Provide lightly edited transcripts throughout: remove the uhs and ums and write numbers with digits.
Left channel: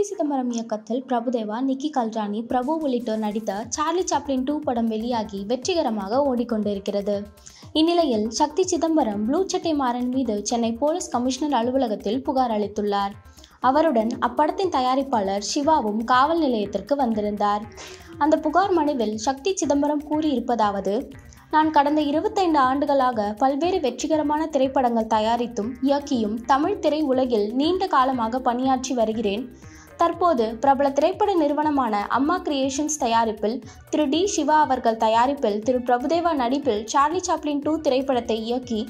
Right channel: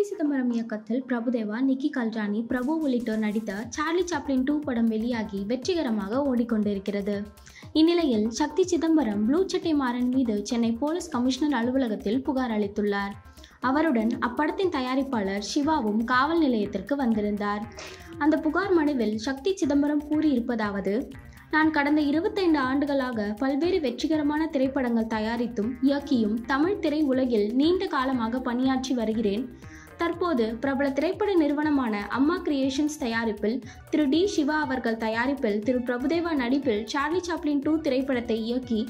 சக்தி சிதம்பரம் இயக்கத்தில் பிரபுதேவா, நிக்கி கல்ராணி, பிரபு உள்ளிட்டோர் நடித்த சார்லி சாப்ளின் 2 படம் வெளியாகி வெற்றிகரமாக ஓடிக்கொண்டிருக்கிறது. இந்நிலையில் சக்தி சிதம்பரம் ப்ளூ சட்டை மாறன் மீது சென்னை போலீஸ் கமிஷனர் அலுவலகத்தில் புகார் அளித்துள்ளார். அவருடன் அப்படத்தின் தயாரிப்பாளர் சிவாவும் காவல் நிலையத்திற்கு வந்திருந்தார். அந்த புகார் மனுவில் சக்தி சிதம்பரம் கூறியிருப்பதாவது: நான் கடந்த 25 ஆண்டுகளாக பல்வேறு வெற்றிகரமான திரைப்படங்கள் தயாரித்தும் இயக்கியும் தமிழ் திரை உலகில் நீண்ட காலமாக பணியாற்றி வருகிறேன். தற்போது பிரபல திரைப்பட நிறுவனமான அம்மா கிரியேஷன்ஸ் தயாரிப்பில் திரு டி. சிவா அவர்கள் தயாரிப்பில் திரு பிரபுதேவா நடிப்பில் சார்லி சாப்ளின் 2 திரைப்படத்தை இயக்கி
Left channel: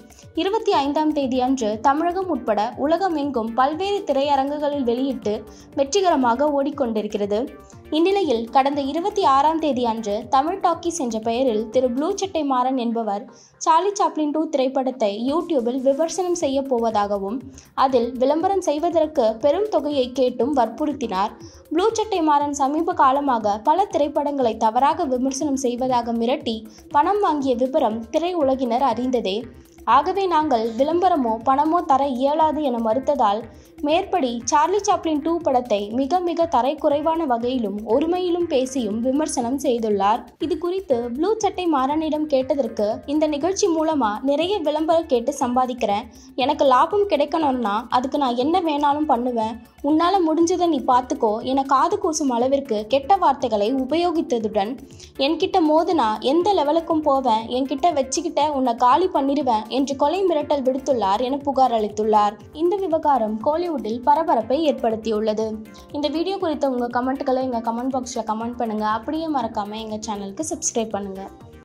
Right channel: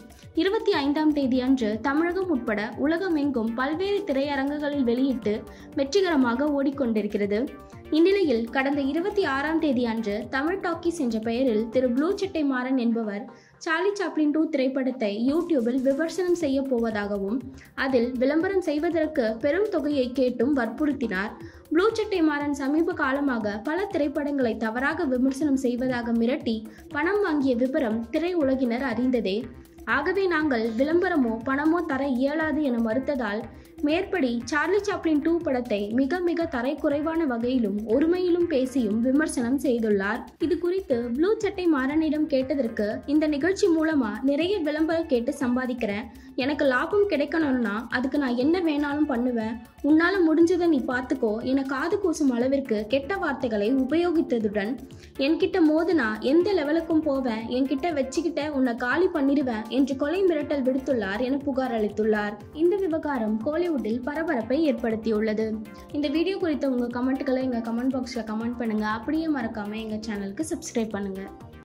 25ஆம் தேதி அன்று தமிழகம் உட்பட உலகமெங்கும் பல்வேறு திரையரங்குகளில் வெளியிட்டு வெற்றிகரமாக ஓடிக்கொண்டிருக்கிறது. இந்நிலையில் கடந்த 26ஆம் தேதி அன்று தமிழ் டாக்கீஸ் என்ற பெயரில் திரு ப்ளூ சட்டை மாறன் என்பவர் சார்லி சாப்ளின் 2 திரைப்படத்தை யூடியூபில் விமர்சனம் செய்ய போவதாகவும் அதில் விளம்பரம் செய்வதற்கு பெரும் தொகையை கேட்டும் வற்புறுத்தினார். ப்ளூ சட்டை மாறன் சமீப காலமாக பல திரைப்படங்களை தவறாக விமர்சனம் செய்வதாக மிரட்டி பணம் வாங்கிய விபரம் திரை உலகினர் அறிந்ததே. ஆகவே நாங்கள் விளம்பரமோ பணமோ தர இயலாது என மறுத்ததால் மேற்படி சார்லி சாப்ளின் 2 படத்தை மிக மிக தரைக்குறைவான வகையிலும் ஒருமையிலும் பேசியும் விமர்சனம் செய்துள்ளார். இது குறித்து ப்ளூ சட்டை மாறனிடம் கேட்டதற்கு, இந்த நிகழ்ச்சி மூலமா நிறைய விளம்பரம் கேட்டு சம்பாதிக்கிறேன், எனக்கு லாபம் கிடைக்கணும்னா அதுக்கு நான் என்ன வேணாலும் பண்ணுவேன், உன்னால முடிஞ்சதை நீ பார்த்துக்கோ என காது கூசும் அளவிற்கு கெட்ட வார்த்தைகளை உபயோகித்ததுடன் என்கிட்ட மோதுனா எந்த லெவலுக்கும் போவேன், என்கிட்ட வச்சுக்கிட்ட உன்னை காலி பண்ணிடுவேன் என்று கொலை மிரட்டல் விடுத்துள்ளார் என புகார் அளித்துள்ளார். இந்த விவகாரம் கோலிவுட்டில் பரபரப்பை ஏற்படுத்தியுள்ளது. இந்த வீடியோ குறித்த உங்கள் கமெண்ட்களை எங்கள் கமெண்ட் பாக்ஸில் கமெண்ட் பண்ணுங்கள். அப்படியே மறக்காமல் எங்கள் சேனலுக்கு சப்ஸ்கிரைப் பண்ணுங்கள்.